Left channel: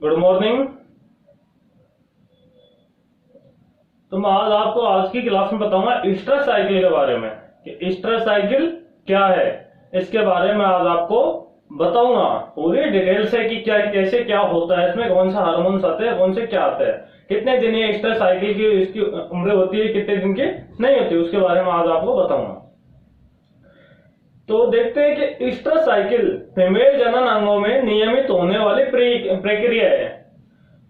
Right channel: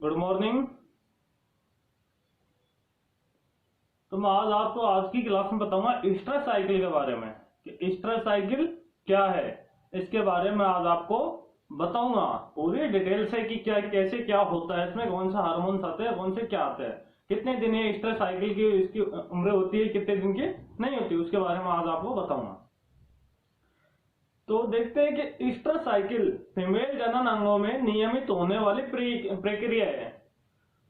Good morning. तो मैं आज की क्लास में बताऊंगा स्ट्रेस साइकिल के बारे में कि स्ट्रेस साइकिल क्या है। इसके बारे में आज आपको बताऊंगा पूरी डिटेल से कि क्या कैसे क्या होता है, इसमें कौन सा हार्मोन्स आते हैं, कौन से क्या आते हैं, कितने दिन ये स्ट्रेस साइकिल की इसकी उम्र होती है, कितने दिन की नहीं होती, उसके बारे में आज आपको बताऊंगा। तो देखते हैं कि स्ट्रेस साइकिल फीमेल जनन अंगों में नियमित होने वाली प्रक्रिया है।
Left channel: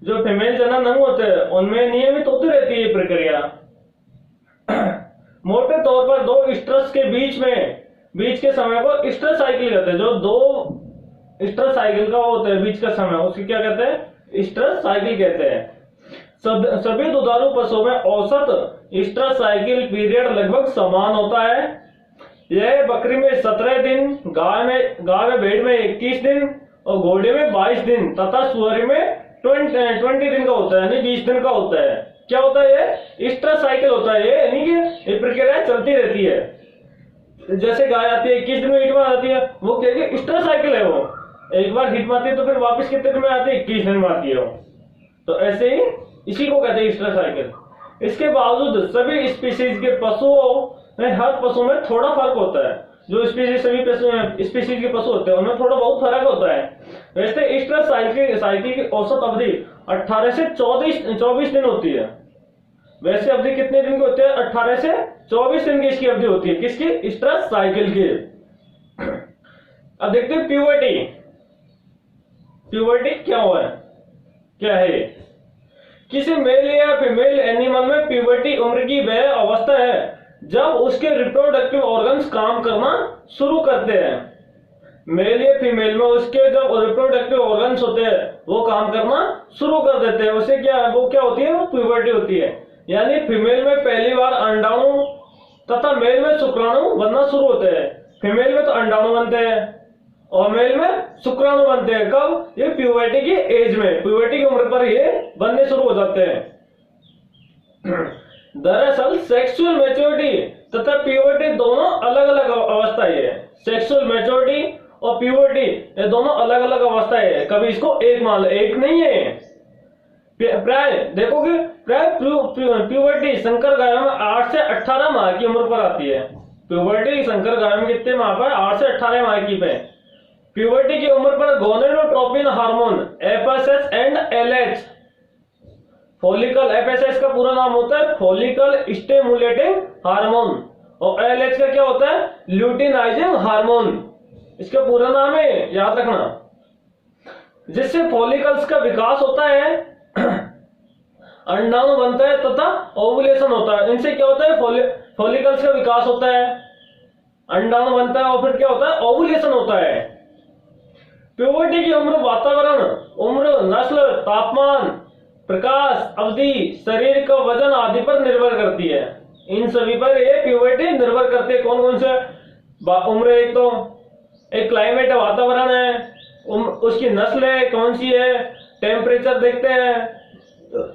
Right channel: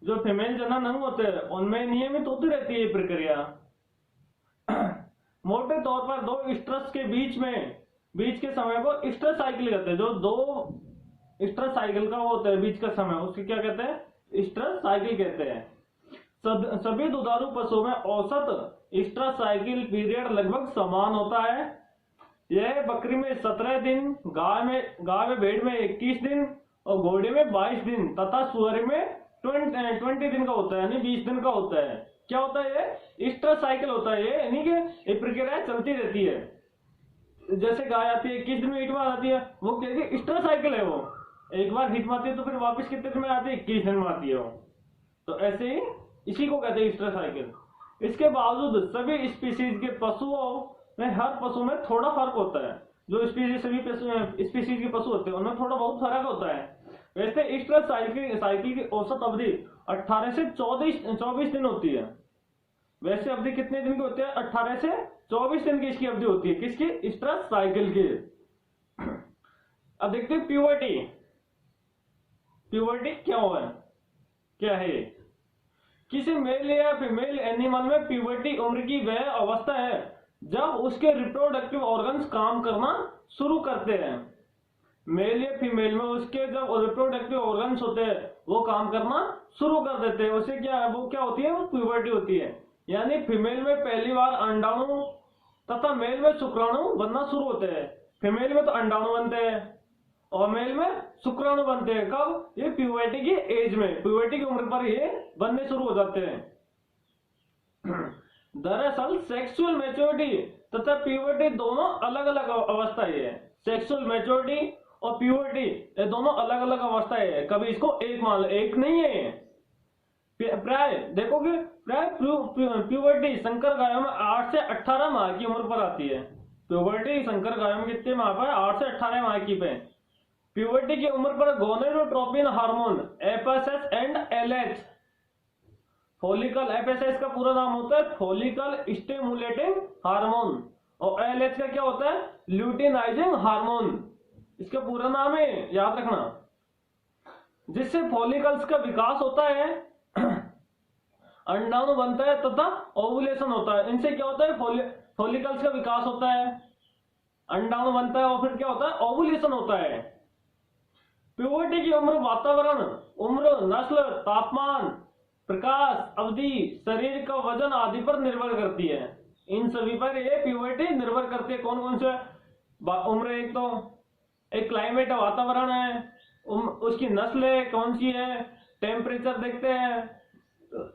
जो फीमेल जनन अंग होते हैं उनमें नियमित होती रहती है प्रक्रिया। मोटे तौर पर दो स्ट्रेस के बीच के समय को स्ट्रेस साइकिल कहते हैं। जो दो स्ट्रेस साइकिल का होता है बीच का समय, उसकी क्या कहते हैं? स्ट्रेस साइकिल कहते हैं। सभी दुधारू पशुओं में औसत स्ट्रेस साइकिल पीरियड लगभग समान होता है। यह बकरी में 17 दिन, गाय में भेड़ में 21 दिन और घोड़े में 22 दिन तथा सुअर में 20 दिन का होता है, यानी 20 दिन का होता है। क्या होता है? ये स्ट्रेस साइकिल होता है, यानी कि ये प्रक्रिया चलती रहती है। जैसे गाय आती है 21 दिन में हिट में आती है, वो क्या स्ट्रेस साइकिल है। वो एक बार हिट में आती है तो फिर वापस कितने दिन में आती है? 21 दिन में आती है वो। तो ऐसे ही इसी को कहते हैं स्ट्रेस साइकिल। इसके बावजूद सभी स्पीसीज के पशुओं में हर पशु में थोड़ा फर्क होता है। जो सभी स्पीसीज के पशु होते हैं उनमें थोड़ा बहुत फर्क होता है। वैसे स्ट्रेस साइकिल की औसत अवधि 18 से 24 दिन होती है। वैसे अवधि कितने दिन की होती है? 18 से 24 दिन की इसकी अवधि होती है। किसकी? स्ट्रेस साइकिल की। अब देखते हैं प्यूबर्टी। प्यूबर्टी क्या हुआ है, क्या है? किसी मेल या फीमेल एनिमल में प्यूबर्टी उम्र की वह अवस्था है जब उसके रिप्रोडक्टिव ऑर्गन्स काम करना शुरू करते हैं। मेल या फीमेल में उसके जब रिप्रोडक्टिव ऑर्गन्स होते हैं वो काम करना शुरू कर देते हैं, उसे क्या होती है? वो प्यूबर्टी होती है। यानी फीमेल में पहली बार अंडाणु तथा मेल में शुक्राणु बनना शुरू होते हैं। फीमेल में तो अंडाणु बनते हैं और मेल में शुक्राणु बनते हैं। कब? ये प्यूबर्टी की एज में, प्यूबर्टी की उम्र पर ये बनने शुरू हो जाते हैं। दरअसल सेक्सुअल मैच्योरिटी तथा प्यूबर्टी दोनों अलग अलग अवस्थाएं है। सेक्सुअल मैच्योरिटी और प्यूबर्टी ये दोनों अलग अलग अवस्थाएं है। कभी इसको एक मान लो, एक नहीं है। प्राय देखोगे प्यूबर्टी संकर गायों में 8 से 18 माह की उम्र पर आती है। प्यूबर्टी संकर गायों में कितने माह पर? 8 से 18 माह की पे। प्यूबर्टी की उम्र पर gonadotropin hormone FSS and LH follicle, FSS का पूरा नाम होता है फॉलिकल स्टिमुलेटिंग हार्मोन और एलएच का क्या होता है? Luteinizing hormone. इसका पूरा नाम है, याद रखना। जिससे फॉलिकल्स का विकास होता है, अंडाणु बनता है तथा ओवुलेशन होता है। इनसे क्या होता है? फॉलिकल्स का विकास होता है, अंडाणु बनता है और फिर क्या होता है? ओवुलेशन होता है। प्यूबर्टी की उम्र वातावरण, उम्र, नस्ल, तापमान, प्रकाश अवधि, शरीर का वजन आदि पर निर्भर करती है। इन सभी पर ये प्यूबर्टी निर्भर करती है। कौन कौन से उम्र? एक क्लाइमेट है, वातावरण है, उसकी नस्ल है कौन सी है, टेम्परेचर देखते हैं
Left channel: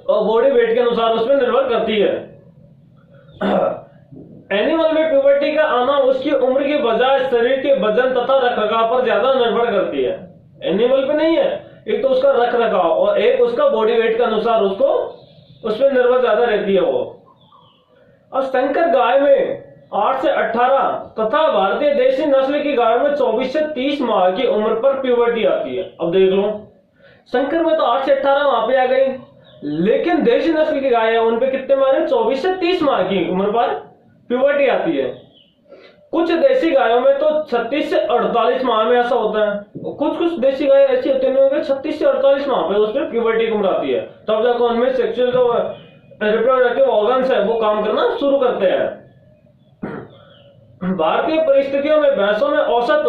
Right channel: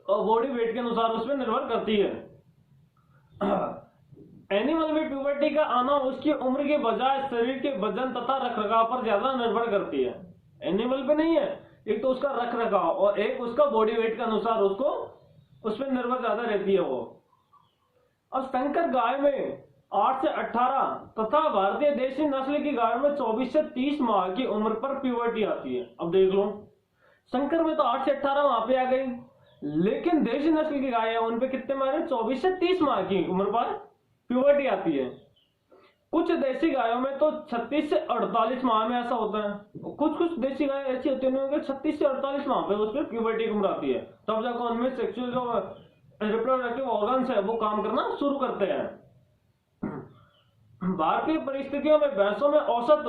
और बॉडी वेट के अनुसार उसमें निर्भर करती है। एनिमल में प्यूबर्टी का आना उसकी उम्र के बजाय शरीर के वजन तथा रखरखाव पर ज्यादा निर्भर करती है। एनिमल पे नहीं है, एक तो उसका रखरखाव और एक उसका बॉडी वेट के अनुसार उसको उसमें निर्भर ज्यादा रहती है वो। अब संकर गाय में 8 से 18 तथा भारतीय देशी नस्ल की गायों में 24 से 30 माह की उम्र पर प्यूबर्टी आती है। अब देख लो, संकर में तो 8 से 18 माह पे आ गई, लेकिन देशी नस्ल की गाय है उन पे कितने माह? 24 से 30 माह की उम्र पर प्यूबर्टी आती है। कुछ देशी गायों में तो 36 से 48 माह में ऐसा होता है। कुछ देशी गाय ऐसी होती है 36 से 48 माह पे उसमें प्यूबर्टी की उम्र आती है, तब जाकर उनमें सेक्सुअल जो रिप्रोडक्टिव ऑर्गन्स है वो काम करना शुरू करते हैं। भारतीय परिस्थितियों में भैंसों में औसत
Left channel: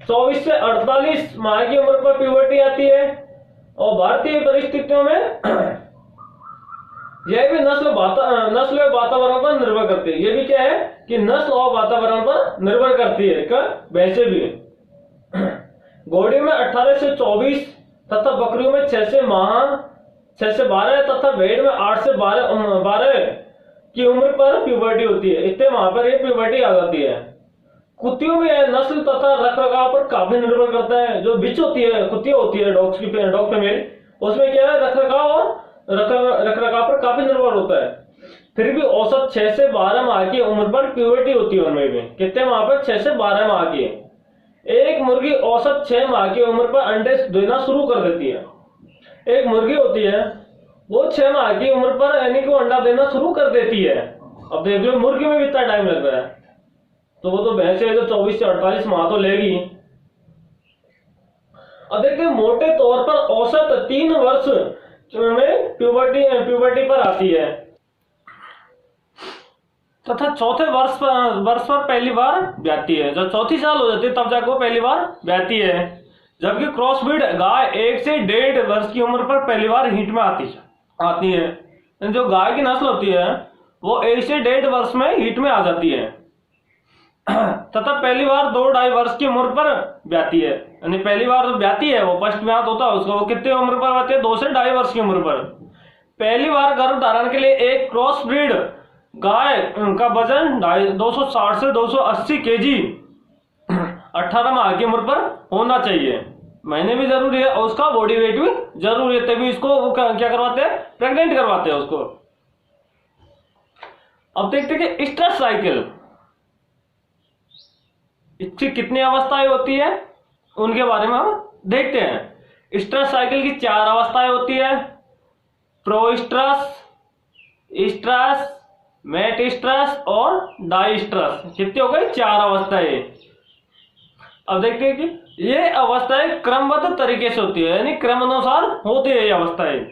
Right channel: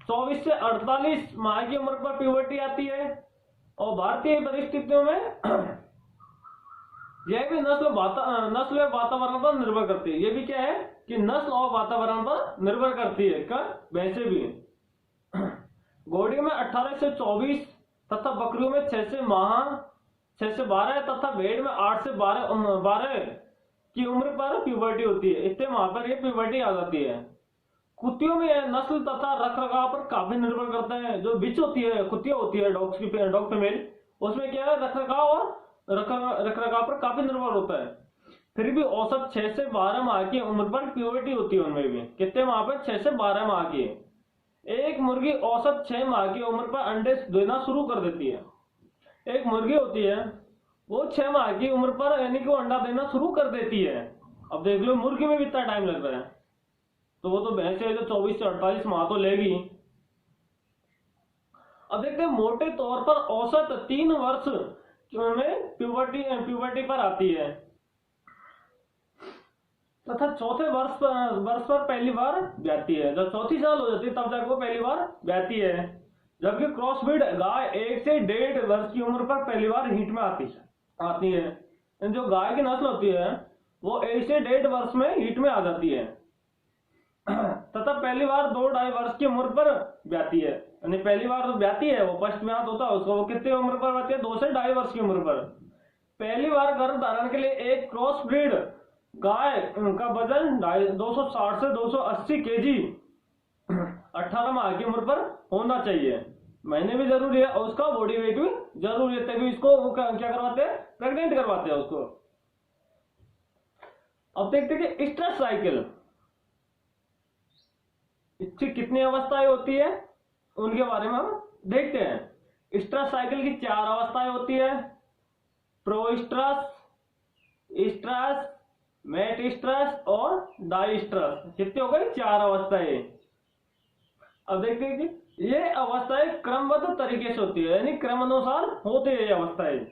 24 से 48 माह की उम्र पर प्यूबर्टी आती है और भारतीय परिस्थितियों में यह भी नस्ल और वातावरण पर निर्भर करती है। यह भी क्या है कि नस्ल और वातावरण पर निर्भर करती है। क्या? वैसे भी घोड़ी में 18 से 24 तथा बकरियों में 6 से 12 तथा भेड़ में 8 से 12 की उम्र पर प्यूबर्टी होती है। इतने माह पर ये प्यूबर्टी आ जाती है। कुत्तियों में नस्ल तथा रखरखाव पर काफी निर्भर करता है। जो बिच होती है, कुत्तियां होती है, डॉग फीमेल, उसमें क्या है, रखरखाव और रखरखाव पर काफी निर्भर होता है। फिर भी औसत 6 से 12 माह की उम्र पर प्यूबर्टी होती है उनमें भी। कितने माह पर? 6 से 12 माह की। एक मुर्गी औसत 6 माह की उम्र पर अंडे देना शुरू कर देती है। एक मुर्गी होती है, वो 6 माह की उम्र पर यानी कि वो अंडा देना शुरू कर देती है। अब देख लो मुर्गी में भी इतना टाइम लग रहा है, तो वो तो भैंस है जो 24 से 48 माह तो लेगी। अब देखते हैं, मोटे तौर पर औसत 3 वर्ष में प्यूबर्टी पर आती है तथा चौथे वर्ष पर पहली बार ब्याती है। जब चौथी साल हो जाती है तब जाकर वो पहली बार ब्याती है। जबकि क्रॉसब्रीड गाय 1 से 1.5 वर्ष की उम्र पर पहली बार हीट में आती है। जो गाय की नस्ल होती है वो 1 से 1.5 वर्ष में हीट में आ जाती है तथा पहली बार 2-2.5 वर्ष की उम्र पर ब्याती है। यानी पहली बार ब्याती है, वो फर्स्ट ब्यात होता है उसको, वो कितने उम्र पर आती है? 2 से 2.5 वर्ष की उम्र पर। पहली बार गर्भ धारण के लिए एक क्रॉस ब्रीड गाय का वजन 260 से 280 केजी 18 माह की उम्र पर होना चाहिए। महीने भी जरूरी है और उसका बॉडी वेट भी जरूरी है, तभी इसको क्या करवाते हैं? प्रेग्नेंट करवाते हैं उसको। अब देखते हैं कि स्ट्रेस साइकिल, इसकी कितनी अवस्थाएं होती है उनके बारे में हम देखते हैं। स्ट्रेस साइकिल की 4 अवस्थाएं होती है। प्रोस्ट्रस, स्ट्रेस, मेट स्ट्रेस और डाई स्ट्रेस। कितनी हो गई? 4 अवस्थाएं। अब देखते हैं कि ये अवस्थाएं क्रमबद्ध तरीके से होती है, यानी क्रमानुसार होती है ये अवस्थाएं।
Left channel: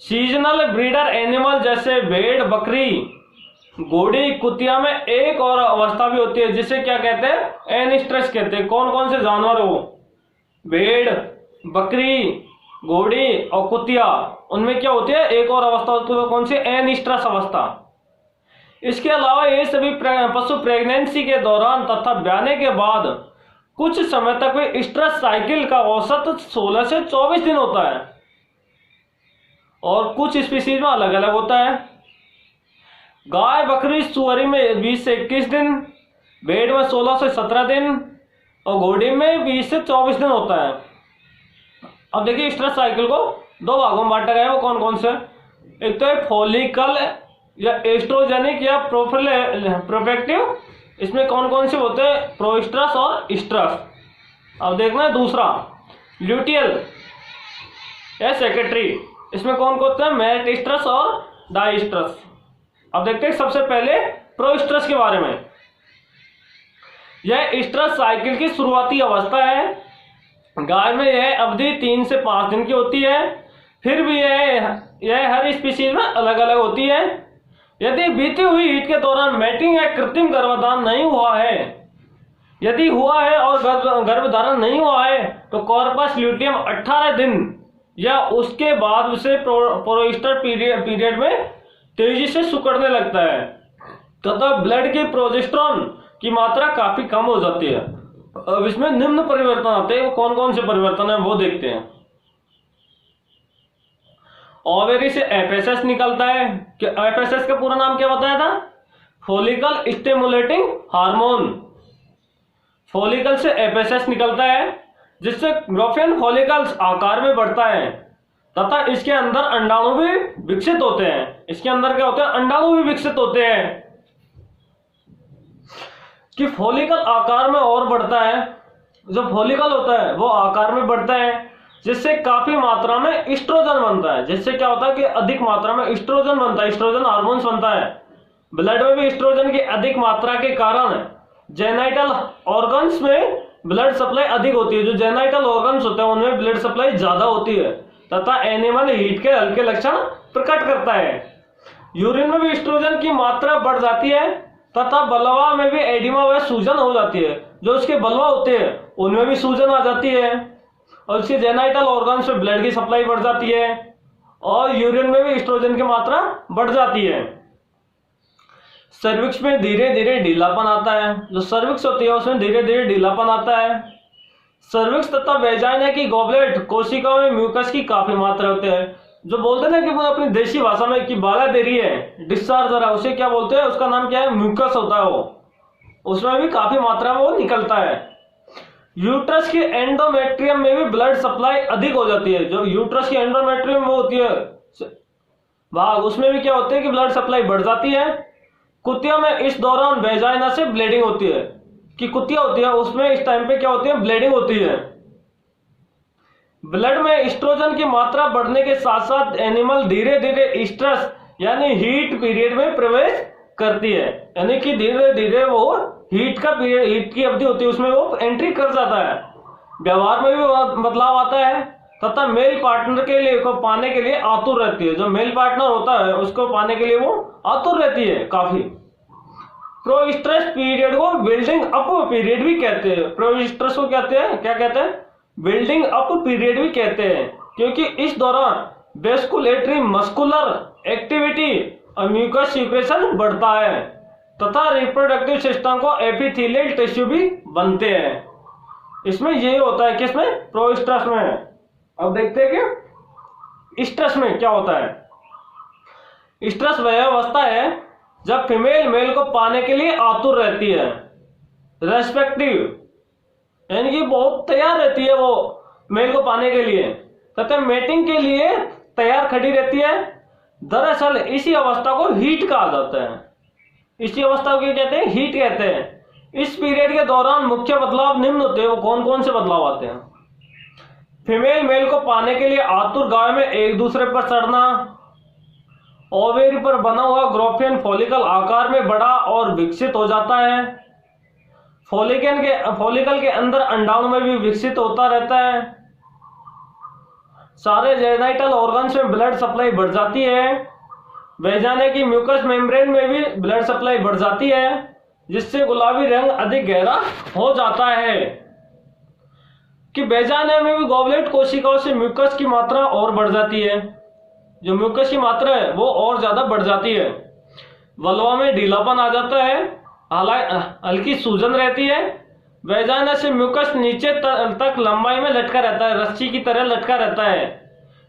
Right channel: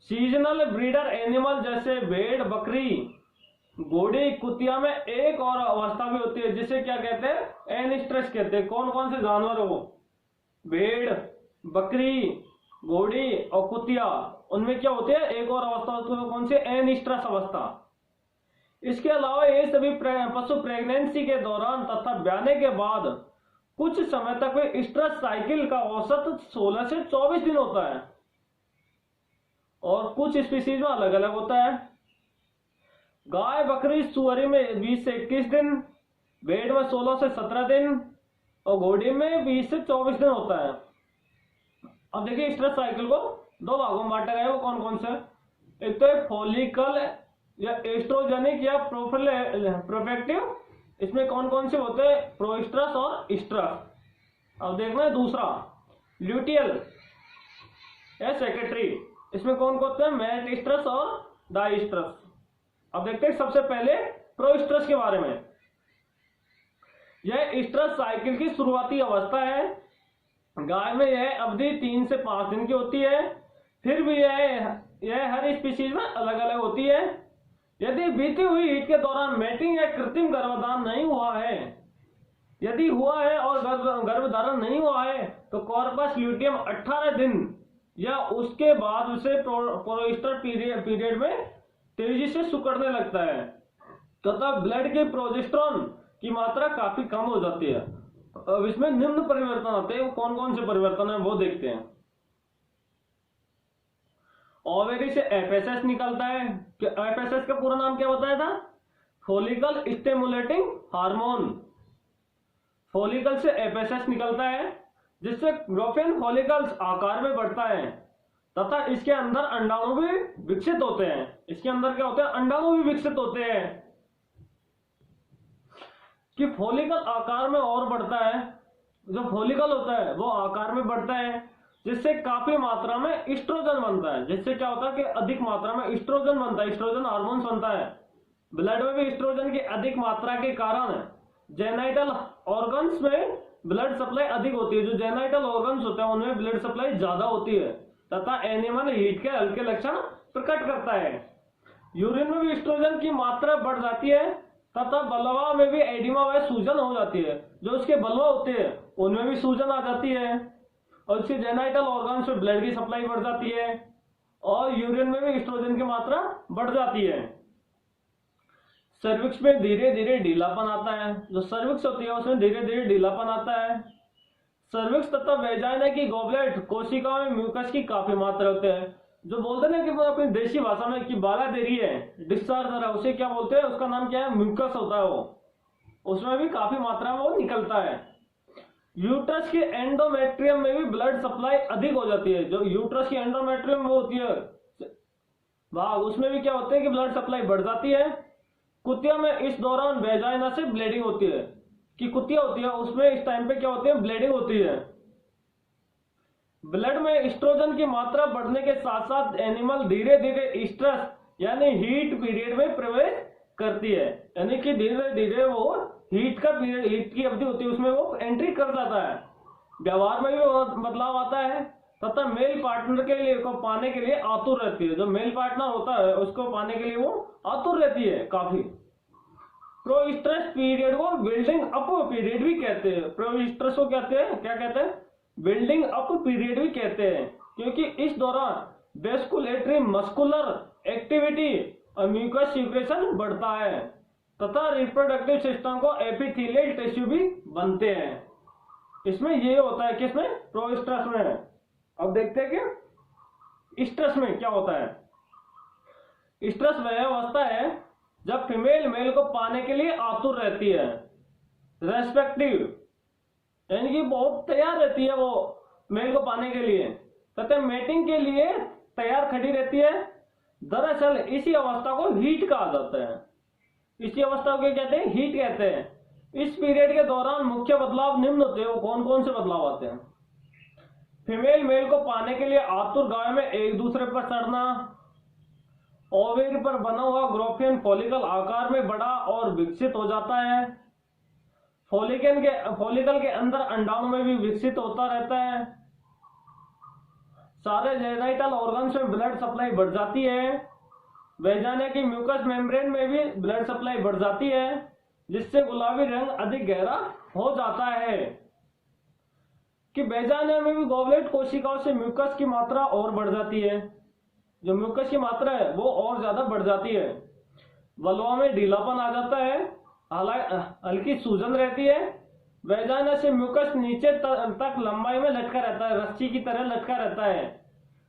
सीजनल ब्रीडर एनिमल जैसे भेड़, बकरी, घोड़ी, कुतिया में एक और अवस्था भी होती है जिसे क्या कहते हैं? एन स्ट्रेस कहते हैं। कौन कौन से जानवर हो? भेड़, बकरी, घोड़ी और कुतिया, उनमें क्या होती है? एक और अवस्था होती है। कौन सी? एन स्ट्रेस अवस्था। इसके अलावा ये सभी पशु प्रेगनेंसी के दौरान तथा ब्याने के बाद कुछ समय तक वे स्ट्रेस साइकिल का औसत 16 से 24 दिन होता है और कुछ स्पीशीज में अलग अलग होता है। गाय, बकरी, सुअरी में 20 से 21 दिन, भेड़ में 16 से 17 दिन और घोड़ी में 20 से 24 दिन होता है। अब देखिए, स्ट्रेस साइकिल को 2 भागों में बांटा गया है। वो कौन कौन से? एक तो है फॉलिकल या एस्ट्रोजेनिक या प्रोफेक्टिव। इसमें कौन कौन से होते हैं? प्रोस्ट्रस और स्ट्रस। अब देखना है दूसरा, ल्यूटियल या सेक्रेटरी। इसमें कौन कौन होते हैं? मेट स्ट्रस और डाई स्ट्रस। अब देखते हैं सबसे पहले प्रोस्ट्रस के बारे में। यह स्ट्रेस साइकिल की शुरुआती अवस्था है। गाय में यह अवधि 3 से 5 दिन की होती है। फिर भी यह हर स्पीशीज में अलग अलग होती है। यदि बीती हुई हीट के दौरान मैटिंग या कृत्रिम गर्भधारण नहीं हुआ है, यदि हुआ है और गर्भधारण नहीं हुआ है, तो कॉर्पस ल्यूटियम 18 दिन या उसके बाद उसे प्रोस्टर पीरियड में तेजी से सिकुड़ने लगता है तथा ब्लड के प्रोजेस्टेरोन की मात्रा काफी कम हो जाती है। अब इसमें निम्न परिवर्तन आते हैं। वो कौन कौन से परिवर्तन है वो देखते हैं। ओवेरी से एफएसएस निकलता है। एफएसएस का पूरा नाम क्या बताया था? Follicle stimulating hormone. फॉलिकल से एफएसएस निकलता है जिससे ग्रोफियन फॉलिकल्स आकार में बढ़ता है तथा इसके अंदर अंडाणु भी विकसित होते हैं। इसके अंदर क्या होते हैं? अंडाणु भी विकसित होते हैं कि फॉलिकल आकार में और बढ़ता है। जो फॉलिकल होता है वो आकार में बढ़ता है जिससे काफी मात्रा में एस्ट्रोजन बनता है। जिससे क्या होता है कि अधिक मात्रा में एस्ट्रोजन बनता है, एस्ट्रोजन हार्मोन बनता है। ब्लड में भी एस्ट्रोजन की अधिक मात्रा के कारण जेनाइटल ऑर्गन्स में ब्लड सप्लाई अधिक होती है। जो जेनाइटल ऑर्गन्स होते हैं उनमें ब्लड सप्लाई ज्यादा होती है तथा एनिमल हीट के हल्के लक्षण प्रकट करता है। यूरिन में भी एस्ट्रोजन की मात्रा बढ़ जाती है तथा बलवा में भी एडिमा व सूजन हो जाती है। जो उसके बलवा होते हैं उनमें भी सूजन आ जाती है और उसके जेनाइटल ऑर्गन्स में ब्लड की सप्लाई बढ़ जाती है और यूरिन में भी एस्ट्रोजन की मात्रा बढ़ जाती है। सर्विक्स में धीरे धीरे ढीलापन आता है। जो सर्विक्स होती है उसमें धीरे धीरे ढीलापन आता है। सर्विक्स तथा वेजाइना की गॉबलेट कोशिकाओं में म्यूकस की काफी मात्रा होती है। जो बोलते हैं ना कि वो अपनी देशी भाषा में कि बाला दे रही है, डिस्चार्ज हो रहा है, उसे क्या बोलते हैं? उसका नाम क्या है? म्यूकस होता है वो। उसमें भी काफी मात्रा में वो निकलता है। यूट्रस के एंडोमेट्रियम में भी ब्लड सप्लाई अधिक हो जाती है। जो यूट्रस की एंडोमेट्रियम वो होती है भाग, उसमें भी क्या होता है कि ब्लड सप्लाई बढ़ जाती है। कुतिया में इस दौरान वेजाइना से ब्लीडिंग होती है, कि कुतिया होती है उसमें इस टाइम पे क्या होती है, ब्लीडिंग होती है। ब्लड में एस्ट्रोजन की मात्रा बढ़ने के साथ साथ एनिमल धीरे धीरे स्ट्रेस यानी हीट पीरियड में प्रवेश करती है, यानी कि धीरे धीरे वो हीट का पीरियड, हीट की अवधि होती है उसमें वो एंट्री कर जाता है। व्यवहार में भी बदलाव आता है तथा मेल पार्टनर के लिए को पाने के लिए आतुर रहती है। जो मेल पार्टनर होता है उसको पाने के लिए वो आतुर रहती है काफी। प्रोस्ट्रस पीरियड को बिल्डिंग अप पीरियड भी कहते हैं। प्रोस्ट्रस को कहते हैं, क्या कहते हैं, बिल्डिंग अप पीरियड भी कहते हैं, क्योंकि इस दौरान वेस्कुलेटरी मस्कुलर एक्टिविटी और म्यूकस सीक्रेशन बढ़ता है तथा रिप्रोडक्टिव सिस्टम को एपिथेलियल टिश्यू भी बनते हैं। इसमें ये होता है, किसमें, प्रोस्ट्रस में। अब देखते हैं कि स्ट्रस में क्या होता है। स्ट्रस वह अवस्था है जब फीमेल मेल को पाने के लिए आतुर रहती है, रेस्पेक्टिव, यानी कि बहुत तैयार रहती है वो मेल को पाने के लिए तथा मेटिंग के लिए तैयार खड़ी रहती है। दरअसल इसी अवस्था को हीट कहा जाता है। इसी अवस्था को क्या कहते हैं, हीट कहते हैं। इस पीरियड के दौरान मुख्य बदलाव निम्न होते हैं। वो कौन कौन से बदलाव आते हैं। फीमेल मेल को पाने के लिए आतुर गाय में एक दूसरे पर चढ़ना, ओवेरी पर बना हुआ ग्रोफियन फॉलिकल आकार में बड़ा और विकसित हो जाता है। फॉलिकल के अंदर अंडाणु में भी विकसित होता रहता है। सारे जेनाइटल ऑर्गन्स में ब्लड सप्लाई बढ़ जाती है। वेजाना की म्यूकस मेम्ब्रेन में भी ब्लड सप्लाई बढ़ जाती है, जिससे गुलाबी रंग अधिक गहरा हो जाता है। कि वेजाना में भी गॉबलेट कोशिकाओं से म्यूकस की मात्रा और बढ़ जाती है। जो म्यूकस की मात्रा है वो और ज्यादा बढ़ जाती है। वल्वा में ढीलापन आ जाता है, हल्की सूजन रहती है। वेजाना से म्यूकस नीचे तक लंबाई में लटका रहता है, रस्सी की तरह लटका रहता है,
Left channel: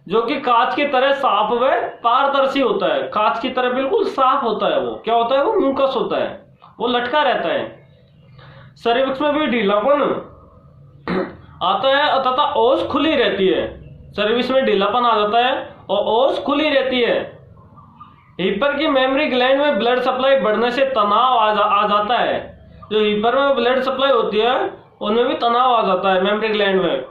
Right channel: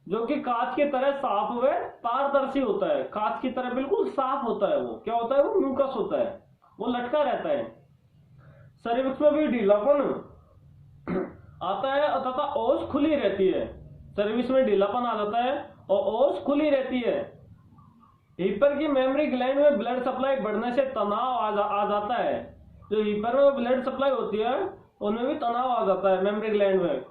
जो कि कांच की तरह साफ व पारदर्शी होता है। कांच की तरह बिल्कुल साफ होता है। वो क्या होता है, वो म्यूकस होता है, वो लटका रहता है। सर्विक्स में भी ढीलापन आता है तथा ओस खुली रहती है। सर्विक्स में ढीलापन आ जाता है और ओस खुली रहती है। हीपर की मेमरी ग्लैंड में ब्लड सप्लाई बढ़ने से तनाव आ जाता है। जो हीपर में ब्लड सप्लाई होती है उनमें भी तनाव आ जाता है मेमरी ग्लैंड में।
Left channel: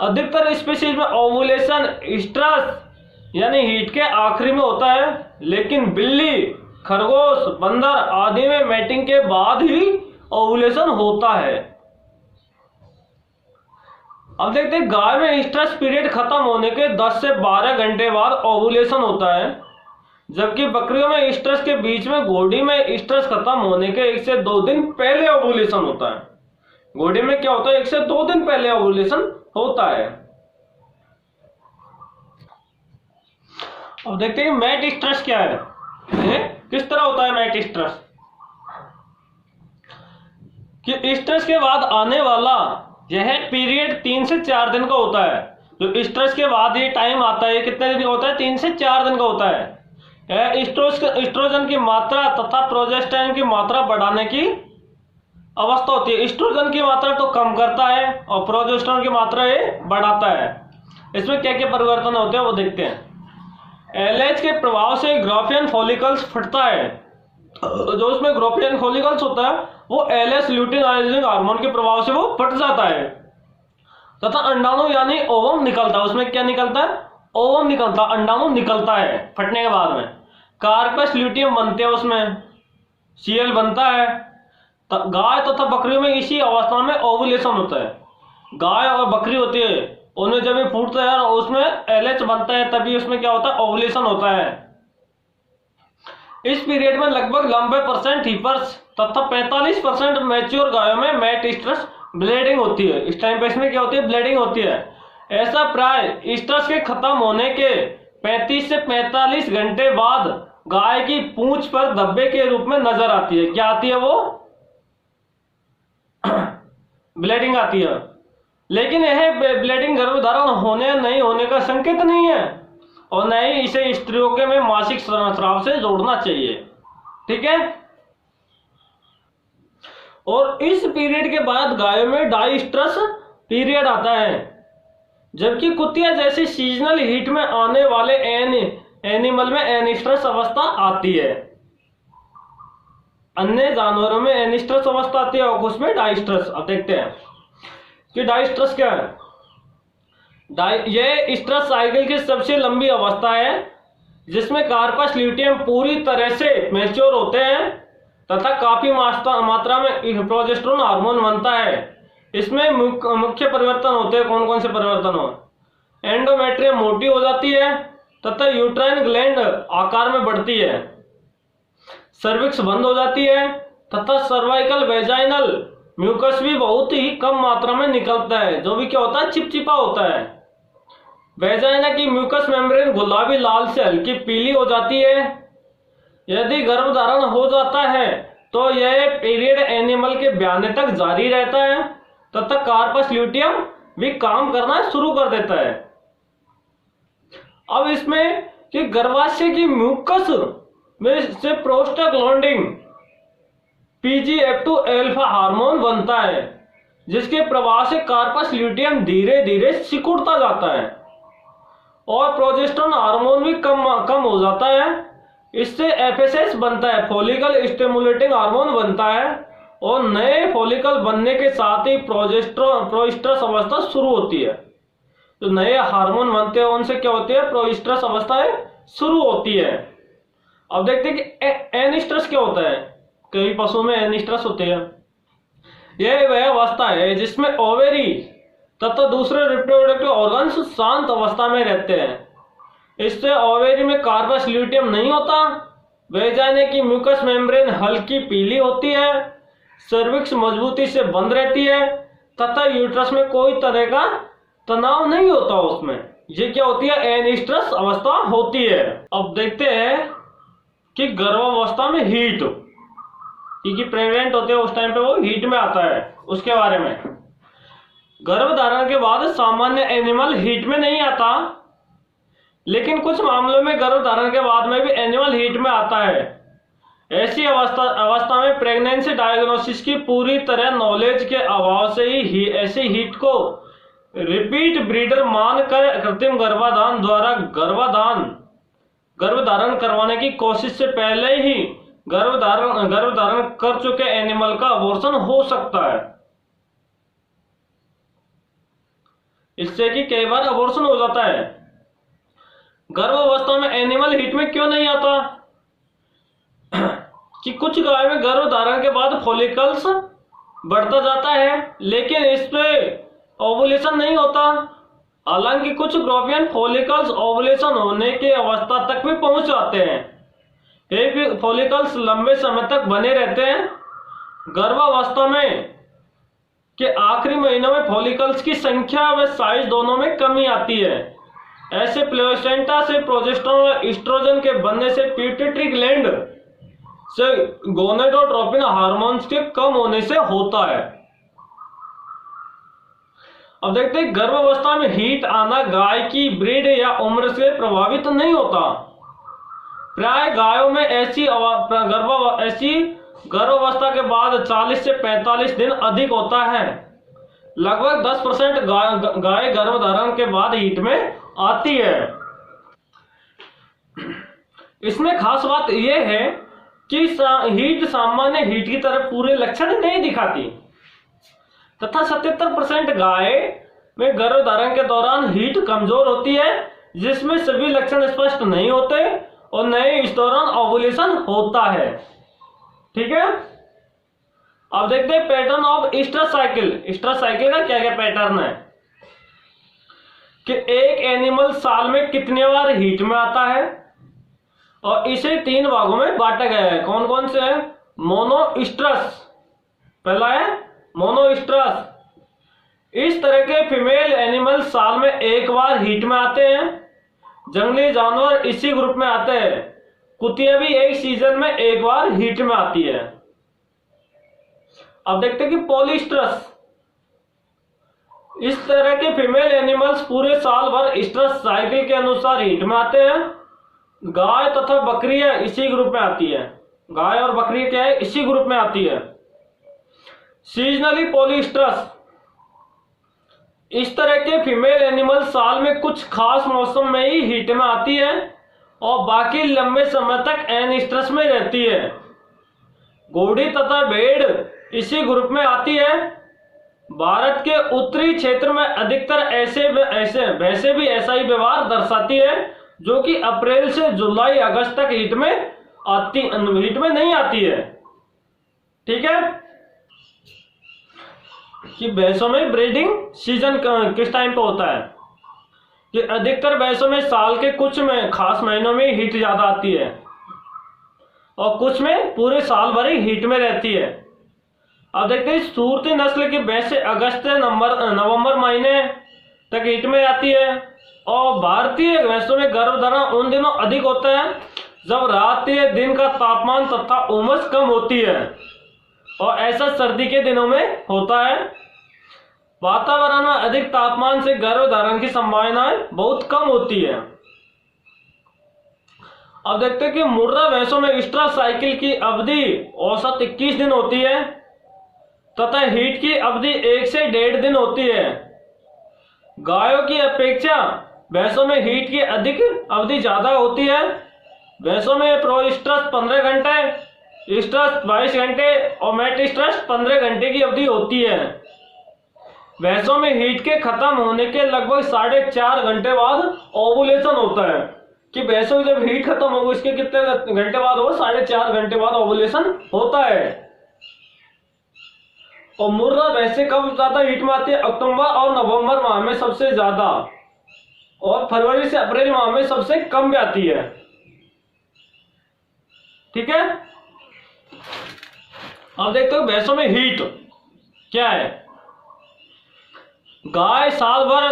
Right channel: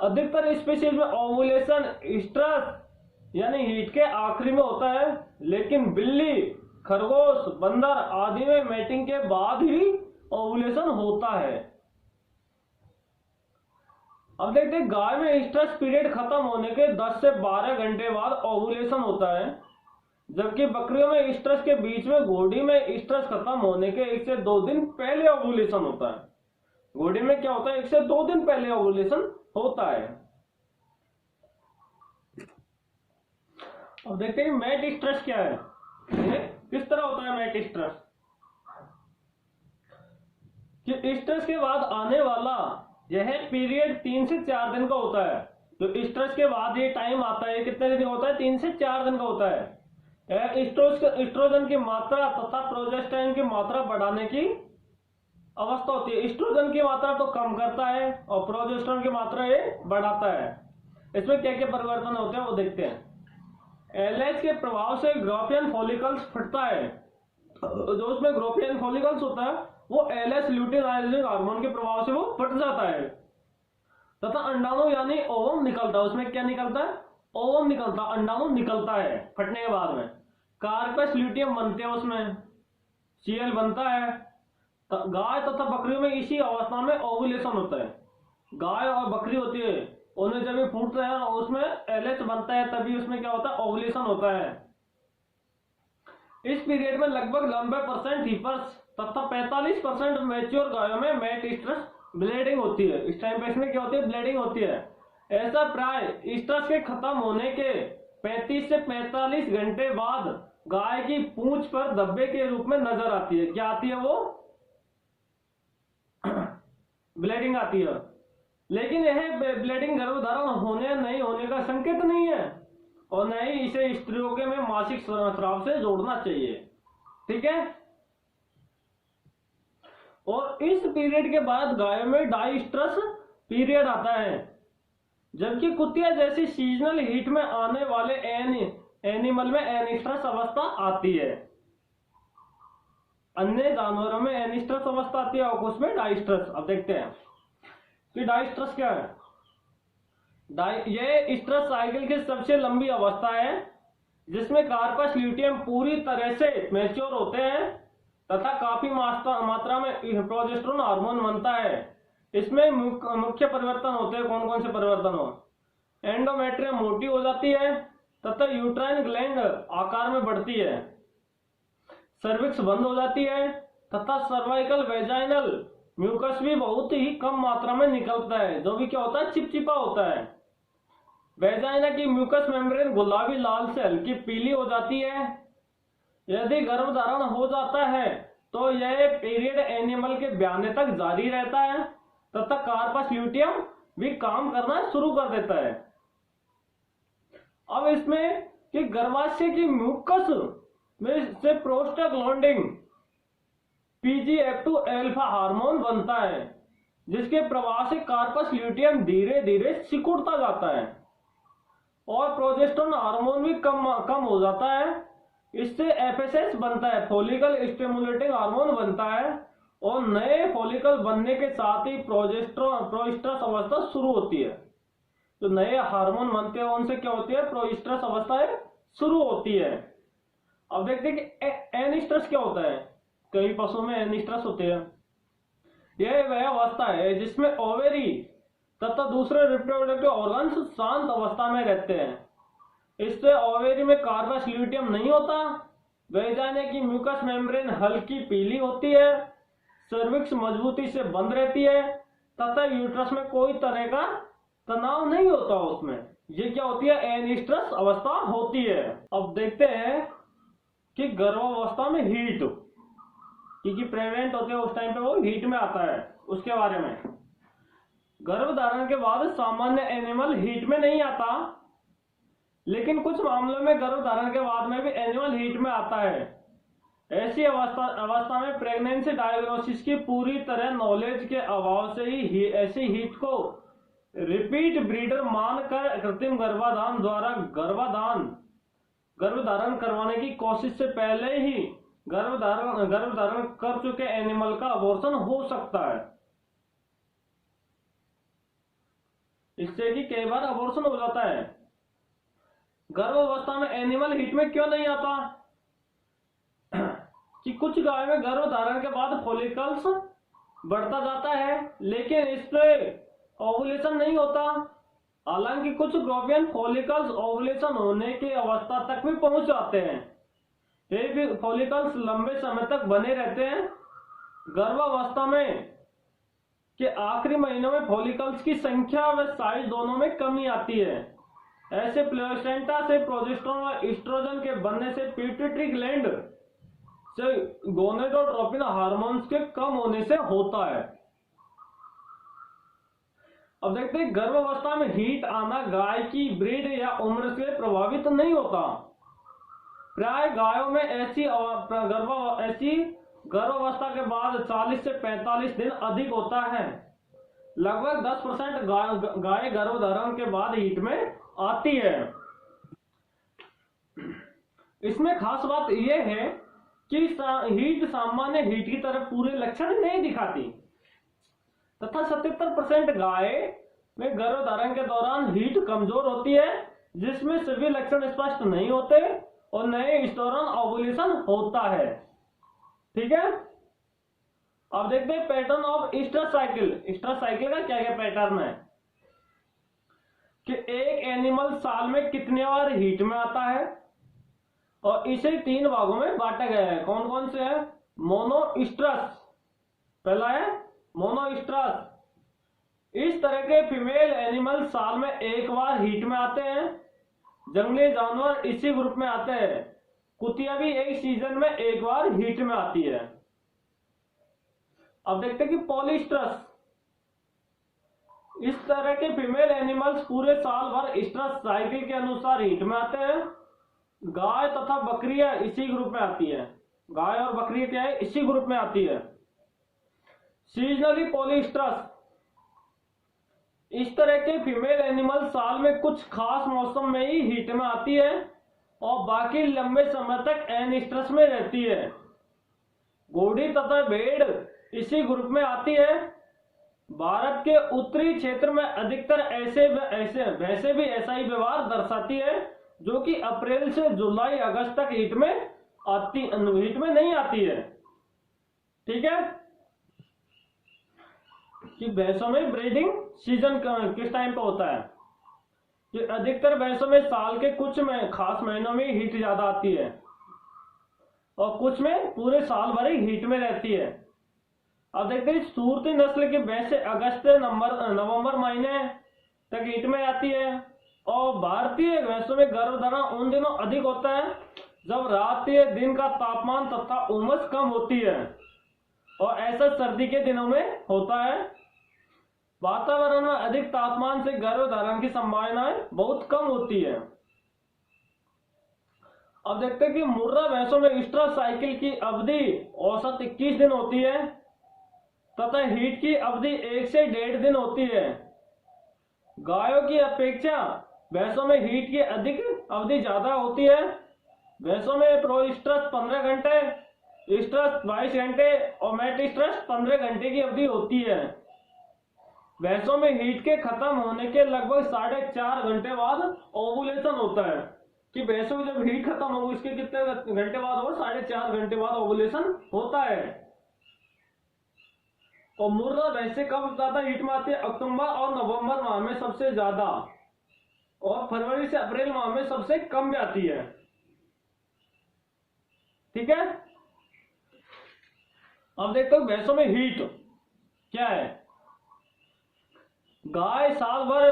अधिकतर स्पीशीज में ओवुलेशन स्ट्रेस यानी हीट के आखिरी में होता है, लेकिन बिल्ली, खरगोश, बंदर आदि में मैटिंग के बाद ही ओवुलेशन होता है। अब देखते हैं गाय में स्ट्रेस पीरियड खत्म होने के 10 से 12 घंटे बाद ओवुलेशन होता है, जबकि बकरियों में स्ट्रेस के बीच में घोड़ी में स्ट्रेस खत्म होने के 1 से 2 दिन पहले ओवुलेशन होता है। घोड़ी में क्या होता है, 1 से 2 दिन पहले ओवुलेशन होता है। अब देखते हैं मैट स्ट्रेस क्या है, किस तरह होता है मैट स्ट्रेस। कि स्ट्रेस के बाद आने वाला यह पीरियड 3 से 4 दिन का होता है। जो स्ट्रेस के बाद ये टाइम आता है, कितने दिन का होता है, 3 से 4 दिन का होता है। एस्ट्रोजन की मात्रा तथा प्रोजेस्टेरोन की मात्रा बढ़ाने की अवस्था होती है। एस्ट्रोजन की मात्रा तो कम करता है और प्रोजेस्टेरोन की मात्रा ये बढ़ाता है। इसमें क्या क्या परिवर्तन होते हैं वो देखते हैं। एलएच के प्रभाव से ग्राफियन फॉलिकल्स फटता है। जो उसमें ग्राफियन फॉलिकल्स होता है वो एलएच ल्यूटिनाइजिंग हार्मोन के प्रभाव से वो फट जाता है तथा अंडाणु यानी ओवम निकलता है। उसमें क्या निकलता है, ओवम निकलता, अंडाणु निकलता है फटने के बाद में। कार्पस ल्यूटियम बनते हैं, उसमें सीएल बनता है। गाय तथा बकरियों में इसी अवस्था में ओवुलेशन होता है। गाय और बकरी होती है, उन्हें जब ये फूटता है उसमें एलएच बनता है, तभी उसमें क्या होता है, ओवुलेशन होता है। इस पीरियड में लगभग 90% हीपर्स तथा 45% मैच्योर गायों में मैट स्ट्रेस ब्लीडिंग होती है। इस टाइम पे इसमें क्या होती है, ब्लीडिंग होती है। ऐसा प्राय स्ट्रेस के खत्म होने के 35 से 45 घंटे बाद गाय की पूंछ पर धब्बे के रूप में नजर आती है। क्या आती है, वो ब्लीडिंग आती है। लेकिन यह ब्लीडिंग गर्भधारण होने नहीं होने का संकेत नहीं है और न ही इसे स्त्रियों के में मासिक स्राव से जोड़ना चाहिए। ठीक है। और इस पीरियड के बाद गायों में डाइस्ट्रस पीरियड आता है, जबकि कुतिया जैसी सीजनल हीट में आने वाले एनिमल में एनिस्ट्रस अवस्था आती है। अन्य जानवरों में एनिस्ट्रस अवस्था आती है और कुछ में डाइस्ट्रस। अब देखते हैं कि डाइस्ट्रस क्या है। यह स्ट्रस साइकिल की सबसे लंबी अवस्था है जिसमें कार्पस ल्यूटियम पूरी तरह से मैच्योर होते हैं तथा काफी मात्रा में प्रोजेस्टेरोन हार्मोन बनता है। इसमें मुख्य परिवर्तन होते हैं। कौन कौन से परिवर्तन हो? एंडोमेट्रियम मोटी हो जाती है तथा यूट्राइन ग्लैंड आकार में बढ़ती है, सर्विक्स बंद हो जाती है तथा सर्वाइकल वेजाइनल म्यूकस भी बहुत ही कम मात्रा में निकलता है, जो भी क्या होता है, चिपचिपा होता है। वेजाइना की म्यूकस मेम्ब्रेन गुलाबी लाल से हल्की पीली हो जाती है। यदि गर्भधारण हो जाता है तो यह पीरियड एनिमल के ब्याने तक जारी रहता है तथा कार्पस ल्यूटियम भी काम करना शुरू कर देता है। अब इसमें कि गर्भाशय की म्यूकस में से प्रोस्टाग्लैंडिन PGF2 अल्फा हार्मोन बनता है, जिसके प्रभाव से कार्पस ल्यूटियम धीरे धीरे सिकुड़ता जाता है और प्रोजेस्टेरोन हार्मोन भी कम हो जाता है। इससे FSH बनता है, फॉलिकल स्टिमुलेटिंग हार्मोन बनता है और नए फॉलिकल बनने के साथ ही प्रोइस्ट्रस अवस्था शुरू होती है। जो नए हार्मोन बनते हैं उनसे क्या होती है, प्रोइस्ट्रस अवस्थाएं शुरू होती है। अब देखते हैं कि एनिस्ट्रस क्या होता है। कई पशुओं में एनिस्ट्रस होते हैं। यह वह अवस्था है जिसमें ओवेरी तथा दूसरे रिप्रोडक्टिव ऑर्गन्स शांत अवस्था में रहते हैं। इससे ओवेरी में कार्पस ल्यूटियम नहीं होता, वेजाइना की म्यूकस मेम्ब्रेन हल्की पीली होती है, सर्विक्स मजबूती से बंद रहती है तथा यूट्रस में कोई तरह का तनाव नहीं होता उसमें। ये क्या होती है, एनिस्ट्रस अवस्था होती है। अब देखते हैं कि गर्भावस्था में हीट, क्योंकि प्रेग्नेंट होते हैं उस टाइम पे वो हीट में आता है, उसके बारे में। गर्भधारण के बाद सामान्य एनिमल हीट में नहीं आता, लेकिन कुछ मामलों में गर्भधारण के बाद में भी एनिमल हीट में आता है। ऐसी अवस्था में प्रेगनेंसी डायग्नोसिस की पूरी तरह नॉलेज के अभाव से ही ऐसी हीट को रिपीट ब्रीडर मानकर कृत्रिम गर्भाधान द्वारा गर्भधारण करवाने की कोशिश से पहले ही गर्भधारण कर चुके एनिमल का अबॉर्शन हो सकता है। इससे कि कई बार अबॉर्शन हो जाता है। गर्भावस्था में एनिमल हीट में क्यों नहीं आता? कि कुछ गाय में गर्भधारण के बाद फॉलिकल्स बढ़ता जाता है, लेकिन इस पे ओवुलेशन नहीं होता। हालांकि कुछ ग्रोवियन फॉलिकल्स ओवुलेशन होने की अवस्था तक भी पहुंच जाते हैं। एक फॉलिकल्स लंबे समय तक बने रहते हैं। गर्भावस्था में के आखिरी महीनों में फॉलिकल्स की संख्या व साइज दोनों में कमी आती है। ऐसे प्लेसेंटा से प्रोजेस्टेरोन और एस्ट्रोजन के बनने से पिट्यूटरी ग्लैंड से गोनेडोट्रोपिन हार्मोन्स के कम होने से होता है। अब देखते हैं, गर्भावस्था में हीट आना गाय की ब्रीड या उम्र से प्रभावित नहीं होता। प्राय गायों में ऐसी गर्भावस्था के बाद 40 से 45 दिन अधिक होता है। लगभग 10% गाय गर्भधारण के बाद हीट में आती है। इसमें खास बात यह है कि हीट सामान्य हीट की तरह पूरे लक्षण नहीं दिखाती तथा 77% गाय में गर्भधारण के दौरान हीट कमजोर होती है, जिसमें सभी लक्षण स्पष्ट नहीं होते और नए इस दौरान ओवुलेशन होता है। ठीक है, अब देखते हैं pattern of stress cycle. Stress cycle का क्या क्या पैटर्न है कि एक एनिमल साल में कितने बार हीट में आता है और इसे 3 भागों में बांटा गया है। कौन कौन से है? मोनोस्ट्रस, पहला है मोनोस्ट्रस। इस तरह के फीमेल एनिमल साल में 1 बार हीट में आते हैं। जंगली जानवर इसी ग्रुप में आते हैं। कुतिया भी एक सीजन में 1 बार हीट में आती है। अब देखते हैं कि पॉलीस्ट्रस। इस तरह के फीमेल एनिमल्स पूरे साल भर स्ट्रेस साइकिल के अनुसार हीट में आते हैं। गाय तथा बकरियां इसी ग्रुप में आती है। गाय और बकरी क्या है? इसी ग्रुप में आती है। सीजनली पॉलीस्ट्रस, इस तरह के फीमेल एनिमल साल में कुछ खास मौसम में ही हीट में आती है और बाकी लंबे समय तक एनिस्ट्रस में रहती है। घोड़ी तथा भेड़ इसी ग्रुप में आती है। भारत के उत्तरी क्षेत्र में अधिकतर ऐसे भैंसें भी ऐसा ही व्यवहार दर्शाती है, जो कि अप्रैल से जुलाई अगस्त तक हीट में नहीं आती है। ठीक है, कि भैंसों में ब्रीडिंग सीजन किस टाइम पे होता है, कि अधिकतर भैंसों में साल के कुछ में खास महीनों में हीट ज्यादा आती है और कुछ में पूरे साल भर ही हीट में रहती है। अब देखते हैं, सूरती नस्ल की भैंसें अगस्त से नवंबर महीने तक हीट में आती है और भारतीय भैंसों में गर्भधारण उन दिनों अधिक होता है जब रात या दिन का तापमान तथा उमस कम होती है, और ऐसा सर्दी के दिनों में होता है। वातावरण में अधिक तापमान से गर्भधारण की संभावनाएं बहुत कम होती है। अब देखते हैं कि मुर्रा भैंसों में इस्ट्रस साइकिल की अवधि औसत 21 दिन होती है तथा हीट की अवधि 1 से 1.5 दिन होती है। गायों की अपेक्षा भैंसों में हीट की अधिक अवधि ज्यादा होती है। भैंसों में प्रोइस्ट्रस 15 घंटे, इस्ट्रस 22 घंटे और मेटिस्ट्रस 15 घंटे की अवधि होती है। भैंसों में हीट के खत्म होने के लगभग 4.5 घंटे बाद ओवुलेशन होता है, कि भैंसों की जब हीट खत्म होगी इसके कितने घंटे बाद होगा, 4.5 घंटे बाद ओवुलेशन होता है। और मुर्रा भैंसें कब ज्यादा हीट में आती है, अक्टूबर और नवंबर माह में सबसे ज्यादा, और फरवरी से अप्रैल माह में सबसे कम भी आती है। ठीक है, अब देखते हो भैंसों में हीट क्या है। गाय साल भर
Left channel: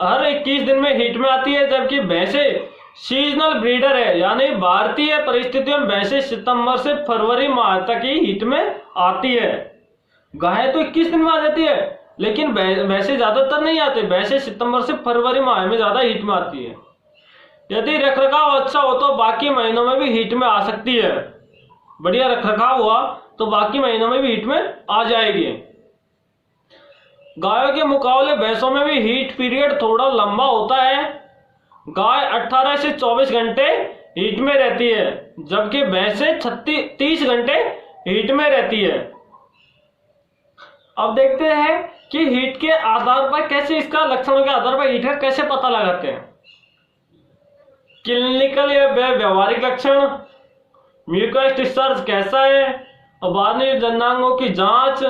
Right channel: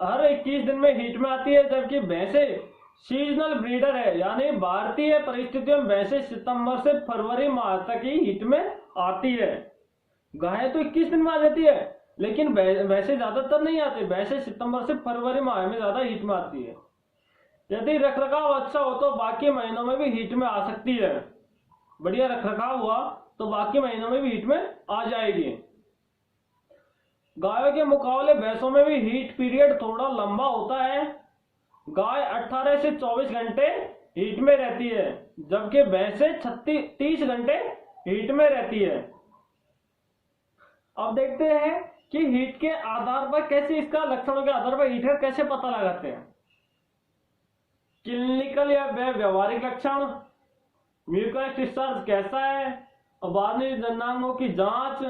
हर 21 दिन में हीट में आती है, जबकि भैंसें सीजनल ब्रीडर है, यानी भारतीय परिस्थितियों में भैंसें सितंबर से फरवरी माह तक ही हीट में आती है। गाय तो 21 दिन में आ जाती है, लेकिन भैंसें ज्यादातर नहीं आते। भैंसें सितंबर से फरवरी माह में ज्यादा हीट में आती है। यदि रखरखाव अच्छा हो तो बाकी महीनों में भी हीट में आ सकती है। बढ़िया रखरखाव हुआ तो बाकी महीनों में भी हीट में आ जाएगी। गायों के मुकाबले भैंसों में भी हीट पीरियड थोड़ा लंबा होता है। गाय 18 से 24 घंटे हीट में रहती है, जबकि भैंसें 30 घंटे हीट में रहती है। अब देखते हैं कि हीट के आधार पर कैसे, इसका लक्षणों के आधार पर हीट का कैसे पता लगाते हैं। क्लिनिकल या व्यवहारिक लक्षण, म्यूकस डिस्चार्ज कैसा है, और बाहरी जननांगों की जांच,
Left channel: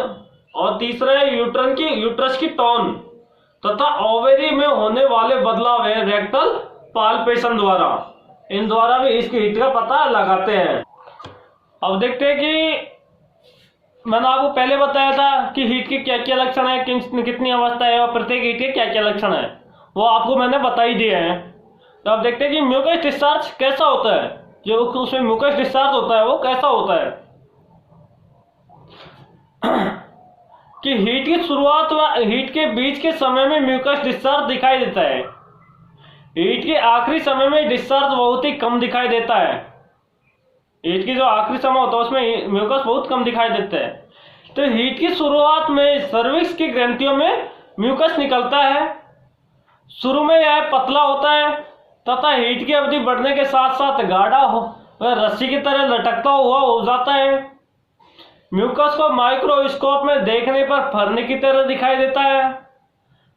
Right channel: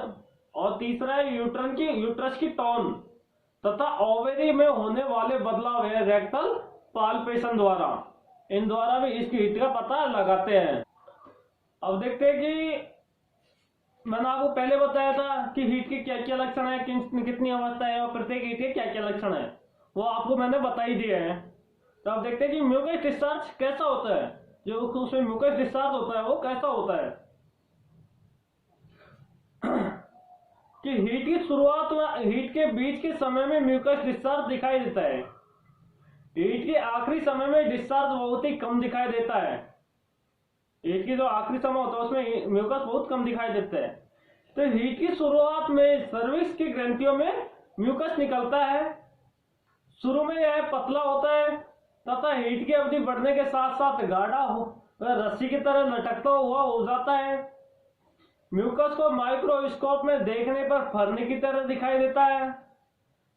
और तीसरा है यूट्रस की टोन तथा ओवेरी में होने वाले बदलाव है रेक्टल पाल्पेशन द्वारा। इन द्वारा भी इसकी हीट का पता लगाते हैं। अब देखते हैं कि मैंने आपको पहले बताया था कि हीट के क्या क्या लक्षण है, कितनी अवस्था है और प्रत्येक हीट के क्या क्या लक्षण है, वो आपको मैंने बता ही दिए हैं। तो अब देखते हैं कि म्यूकस डिस्चार्ज कैसा होता है। जो उसमें म्यूकस डिस्चार्ज होता है वो कैसा होता है, कि हीट की शुरुआत व हीट के बीच के समय में म्यूकस डिस्चार्ज दिखाई देता है। हीट के आखिरी समय में डिस्चार्ज बहुत ही कम दिखाई देता है। हीट की जो आखिरी समय होता है उसमें म्यूकस बहुत कम दिखाई देता है। तो हीट की शुरुआत में सर्विक्स की ग्रंथियों में म्यूकस निकलता है। शुरू में यह पतला होता है तथा हीट की अवधि बढ़ने के साथ साथ गाढ़ा रस्सी की तरह लटकता हुआ हो जाता है। म्यूकस को माइक्रोस्कोप में देखने पर फरने की तरह दिखाई देता है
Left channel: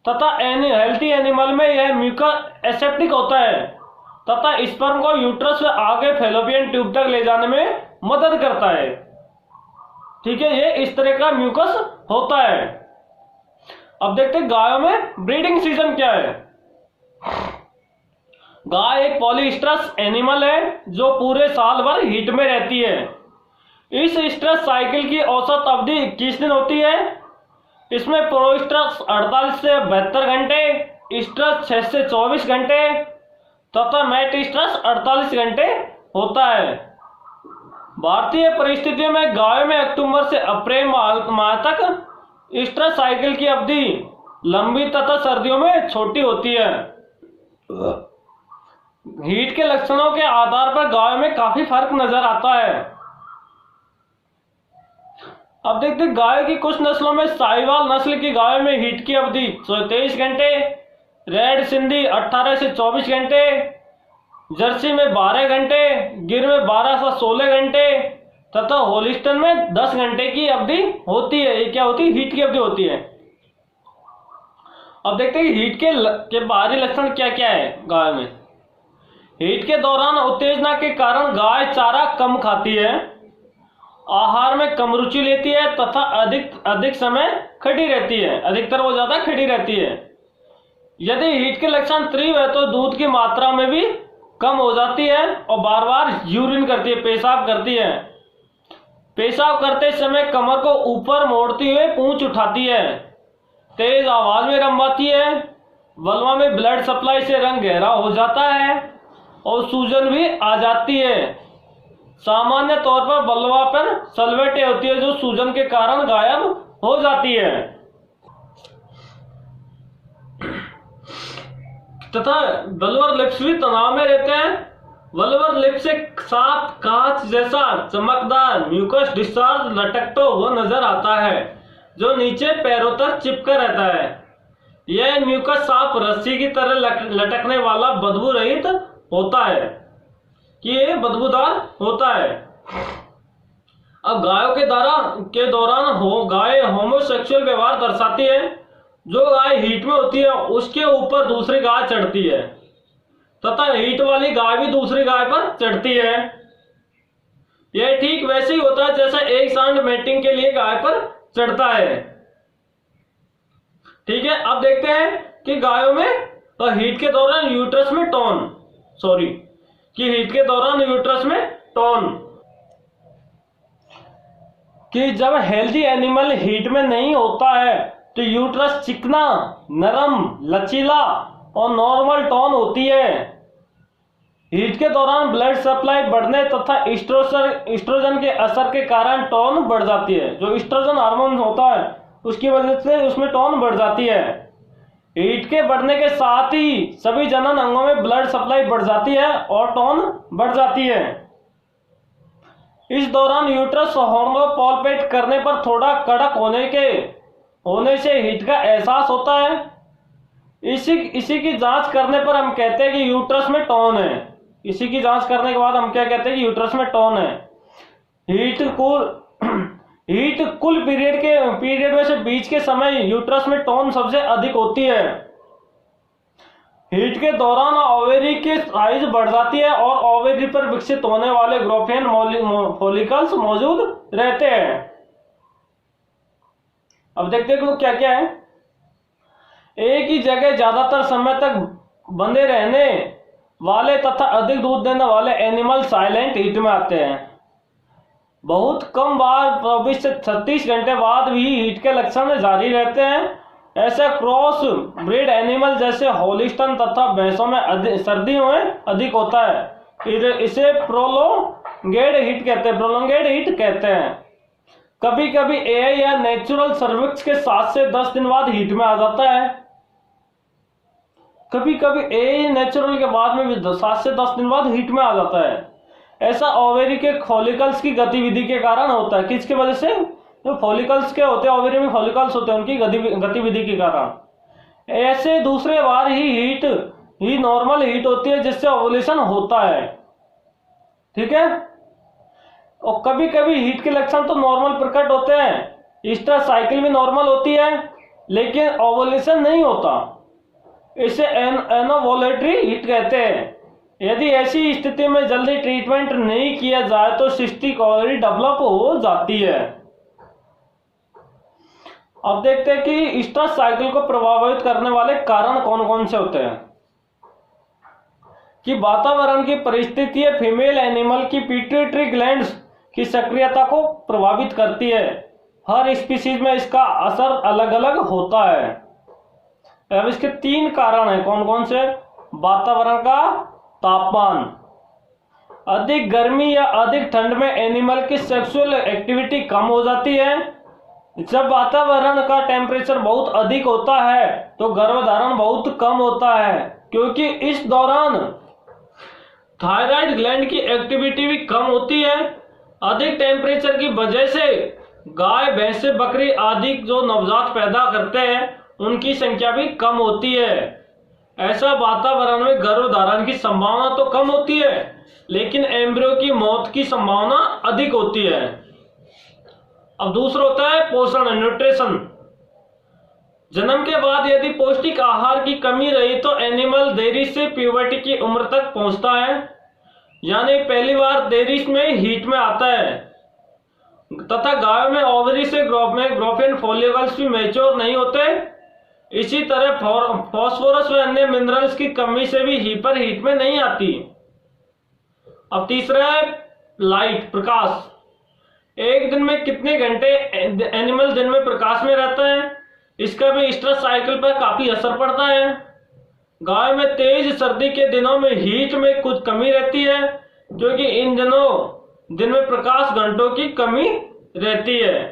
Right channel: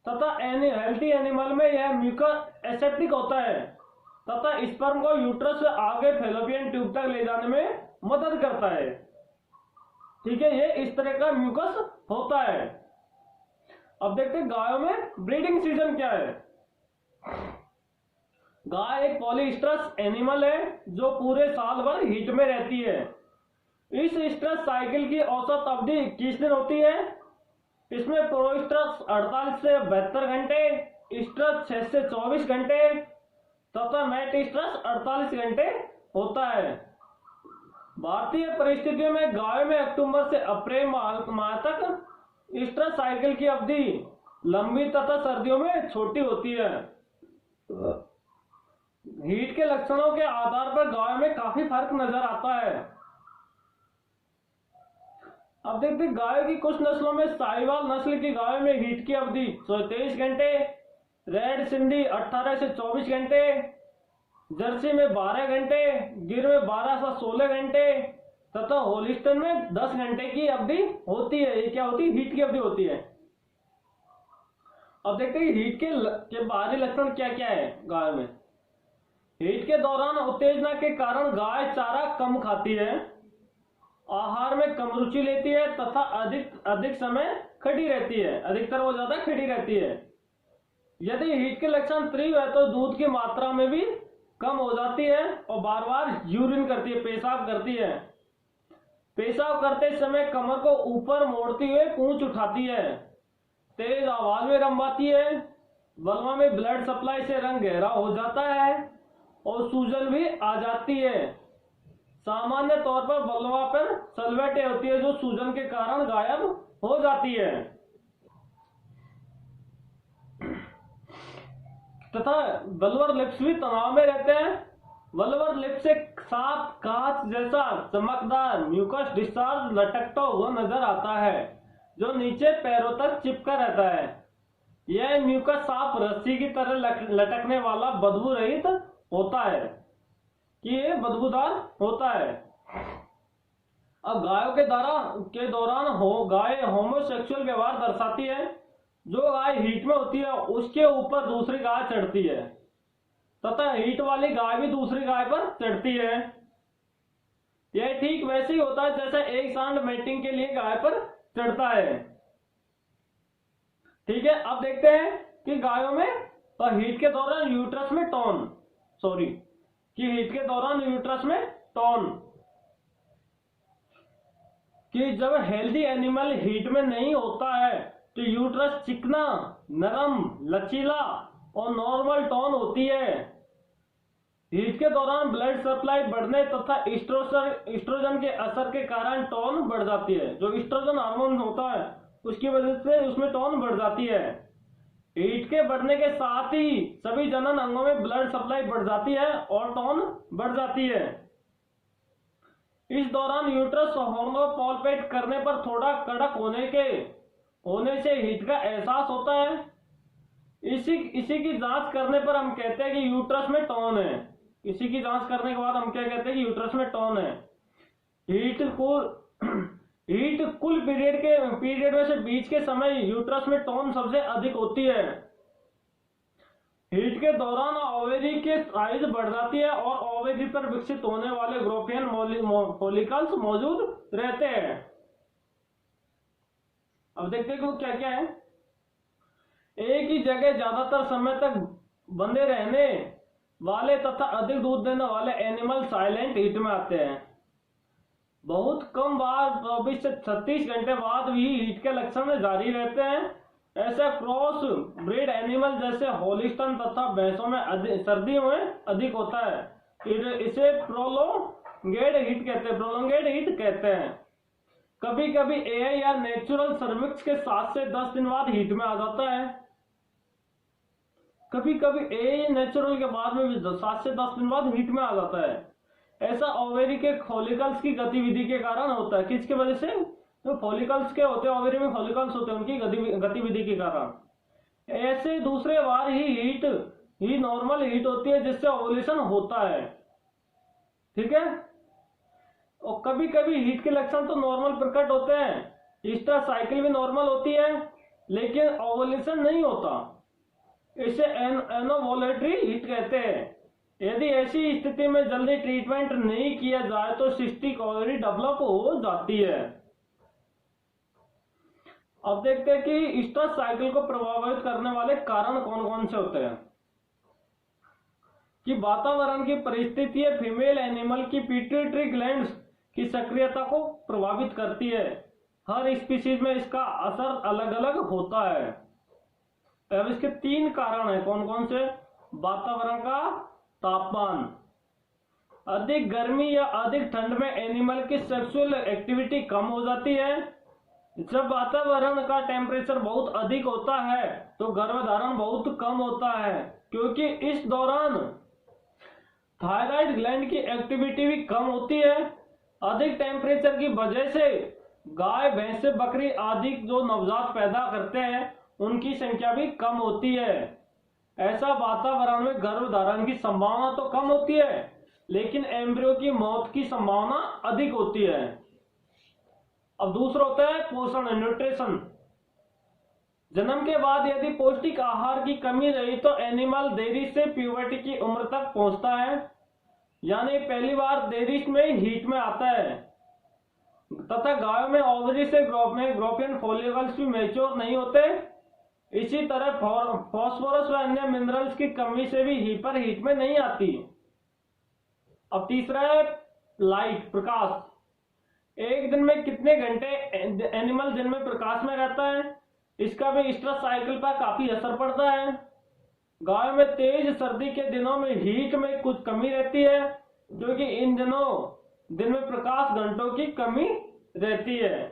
तथा हेल्थी एनिमल में यह म्यूकस एसेप्टिक होता है तथा स्पर्म को यूट्रस से आगे फैलोपियन ट्यूब तक ले जाने में मदद करता है। ठीक है, ये इस तरह का म्यूकस होता है। अब देखते हैं गायों में ब्रीडिंग सीजन क्या है। गाय एक पॉलीस्ट्रस एनिमल है जो पूरे साल भर हीट में रहती है। इस स्ट्रेस साइकिल की औसत अवधि 21 दिन होती है। इसमें प्रोस्ट्रस 48 से 72 घंटे, स्ट्रेस 6 से 24 घंटे तथा मेटिस्ट्रस 48 घंटे होता है। भारतीय परिस्थितियों में गायों में अक्टूबर से अप्रैल माह तक स्ट्रेस साइकिल की अवधि लंबी तथा सर्दियों में छोटी होती है। हीट के लक्षणों के आधार पर गायों में काफी फर्क नजर आता है। अब देखते हैं गाय की कुछ नस्लों में साहिवाल नस्ल की गाय में हीट की अवधि 23 घंटे, रेड सिंधी 18 से 24 घंटे, जर्सी में 12 घंटे, गिर में 12 से 16 घंटे तथा होलिस्टन में 10 घंटे की अवधि होती है। ये क्या होती है? हीट की अवधि होती है। अब देखते हैं हीट के बाहरी लक्षण क्या क्या है गाय में। हीट के दौरान उत्तेजना के कारण गाय चारा कम खाती है, आहार में कम रुचि लेती है तथा अधिक समय खड़ी रहती है, अधिकतर वो ज्यादा खड़ी रहती है। यदि हीट के लक्षण तीव्र है तो दूध की मात्रा में भी कम हो जाती है और बार बार यूरिन करती है, पेशाब करती है। पेशाब करते समय कमर को ऊपर मोड़ती हुए पूंछ उठाती है, तेज आवाज में रंभाती है, वल्वा में ब्लड सप्लाई से रंग गहरा हो जाता है और सूजन भी आ जाती है। सामान्य तौर पर वल्वा पर सलवटें होती है जो सूजन के कारण गायब हो जाती है तथा वल्वर लिप्स भी तनाव में रहते हैं। वल्वर लिप्स से साफ कांच जैसा चमकदार म्यूकस डिस्चार्ज लटकता हुआ नजर आता है जो नीचे पैरों तक चिपका रहता है। यह म्यूकस साफ रस्सी की तरह लटकने वाला बदबू रहित होता है कि ये बदबूदार होता है। अब गायों के दौरान गाय होमोसेक्सुअल व्यवहार दर्शाती है। जो गाय हीट में होती है उसके ऊपर दूसरी गाय चढ़ती है तथा हीट वाली गाय भी दूसरी गाय पर चढ़ती है। यह ठीक वैसे ही होता है जैसा एक सांड मेटिंग के लिए गाय पर चढ़ता है। ठीक है, अब देखते हैं कि गायों में हीट के दौरान यूट्रस में टोन कि जब हेल्दी एनिमल हीट में नहीं होता है तो यूट्रस चिकना, नरम, लचीला और नॉर्मल टोन होती है। हीट के दौरान ब्लड सप्लाई बढ़ने तथा एस्ट्रोजन के असर के कारण टोन बढ़ जाती है। जो एस्ट्रोजन हार्मोन होता है उसकी वजह से उसमें टोन बढ़ जाती है। हीट के बढ़ने के साथ ही सभी जनन अंगों में ब्लड सप्लाई बढ़ जाती है और टोन बढ़ जाती है। इस दौरान यूट्रस हार्मोन पॉल्पेट करने पर थोड़ा कड़क होने से हीट का एहसास होता है। इसी की जांच करने पर हम कहते हैं कि यूट्रस में टोन है। इसी की जांच करने के बाद हम क्या कहते हैं कि यूट्रस में टोन है। हीट कुल पीरियड में से बीच के समय यूट्रस में टोन सबसे अधिक होती है। हीट के दौरान ओवेरी की साइज बढ़ जाती है और ओवेरी पर विकसित होने वाले ग्रोफियन फॉलिकल्स मौजूद रहते हैं। अब देखते हैं कि वो क्या क्या है। एक ही जगह ज्यादातर समय तक बंधे रहने वाले तथा अधिक दूध देने वाले एनिमल साइलेंट हीट में आते हैं। बहुत कम बार 24 से 36 घंटे बाद भी हीट के लक्षण जारी रहते हैं। ऐसे क्रॉस ब्रीड एनिमल जैसे होलिस्टन तथा भैंसों में सर्दियों में अधिक होता है। इसे प्रोलोंगेड हीट कहते हैं। कभी कभी एआई या नेचुरल सर्विक्स के 7 से 10 दिन बाद हीट में आ जाता है। कभी कभी एआई नेचुरल के बाद में भी 7 से 10 दिन बाद हीट में आ जाता है। ऐसा ओवेरी के फॉलिकल्स की गतिविधि के कारण होता है। किसकी वजह से? जो फॉलिकल्स के होते हैं, ओवेरी में फॉलिकल्स होते हैं, उनकी गतिविधि के कारण। ऐसे दूसरे बार ही नॉर्मल हीट होती है जिससे ओवुलेशन होता है। ठीक है, और कभी कभी हीट के लक्षण तो नॉर्मल प्रकट होते हैं, ईस्टर साइकिल भी नॉर्मल होती है लेकिन ओवुलेशन नहीं होता। इसे एनोवुलेटरी हीट कहते हैं। यदि ऐसी स्थिति में जल्दी ट्रीटमेंट नहीं किया जाए तो सिस्टिक ओवरी डेवलप हो जाती है। अब देखते हैं कि ईस्टर साइकिल को प्रभावित करने वाले कारण कौन कौन से होते हैं। कि वातावरण की परिस्थिति फीमेल एनिमल की पिट्यूटरी ग्लैंड्स की सक्रियता को प्रभावित करती है। हर स्पीशीज में इसका असर अलग अलग होता है। अब इसके 3 कारण हैं। कौन कौन से? वातावरण का तापमान, अधिक गर्मी या अधिक ठंड में एनिमल की सेक्सुअल एक्टिविटी कम हो जाती है। जब वातावरण का टेम्परेचर बहुत अधिक होता है तो गर्भधारण बहुत कम होता है क्योंकि इस दौरान थायराइड ग्लैंड की एक्टिविटी भी कम होती है। अधिक टेम्परेचर की वजह से गाय भैंस बकरी आदि जो नवजात पैदा करते हैं उनकी संख्या भी कम होती है। ऐसा वातावरण में गर्भधारण की संभावना तो कम होती है, लेकिन एम्ब्रियो की मौत की संभावना अधिक होती है। अब दूसरा होता है पोषण, न्यूट्रिशन। जन्म के बाद यदि पौष्टिक आहार की कमी रही तो एनिमल देरी से प्यूबर्टी की उम्र तक पहुंचता है, यानी पहली बार देरी में हीट में आता है, तथा गायों में ओवरी से ग्रोफियन फॉलिकल्स भी मैच्योर नहीं होते। इसी तरह फास्फोरस व अन्य मिनरल्स की कमी से भी हीपर हीट में नहीं आती। अब तीसरा है लाइट, प्रकाश। एक दिन में कितने घंटे एनिमल दिन में प्रकाश में रहता है, इसका भी स्ट्रेस साइकिल पर काफी असर पड़ता है। गायों में तेज सर्दी के दिनों में हीट में कुछ कमी रहती है, क्योंकि इन दिनों दिन में प्रकाश घंटों की कमी रहती है,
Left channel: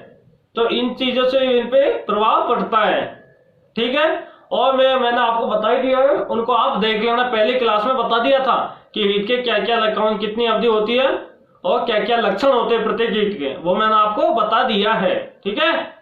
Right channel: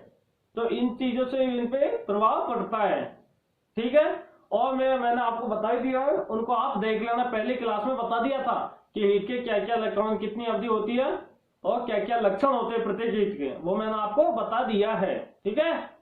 तो इन चीजों से इन पे प्रभाव पड़ता है। ठीक है, और मैंने आपको बता ही दिया है, उनको आप देख लेना, पहली क्लास में बता दिया था कि हीट के क्या क्या लक्षण, कितनी अवधि होती है और क्या क्या लक्षण होते हैं प्रत्येक हीट के, वो मैंने आपको बता दिया है। ठीक है।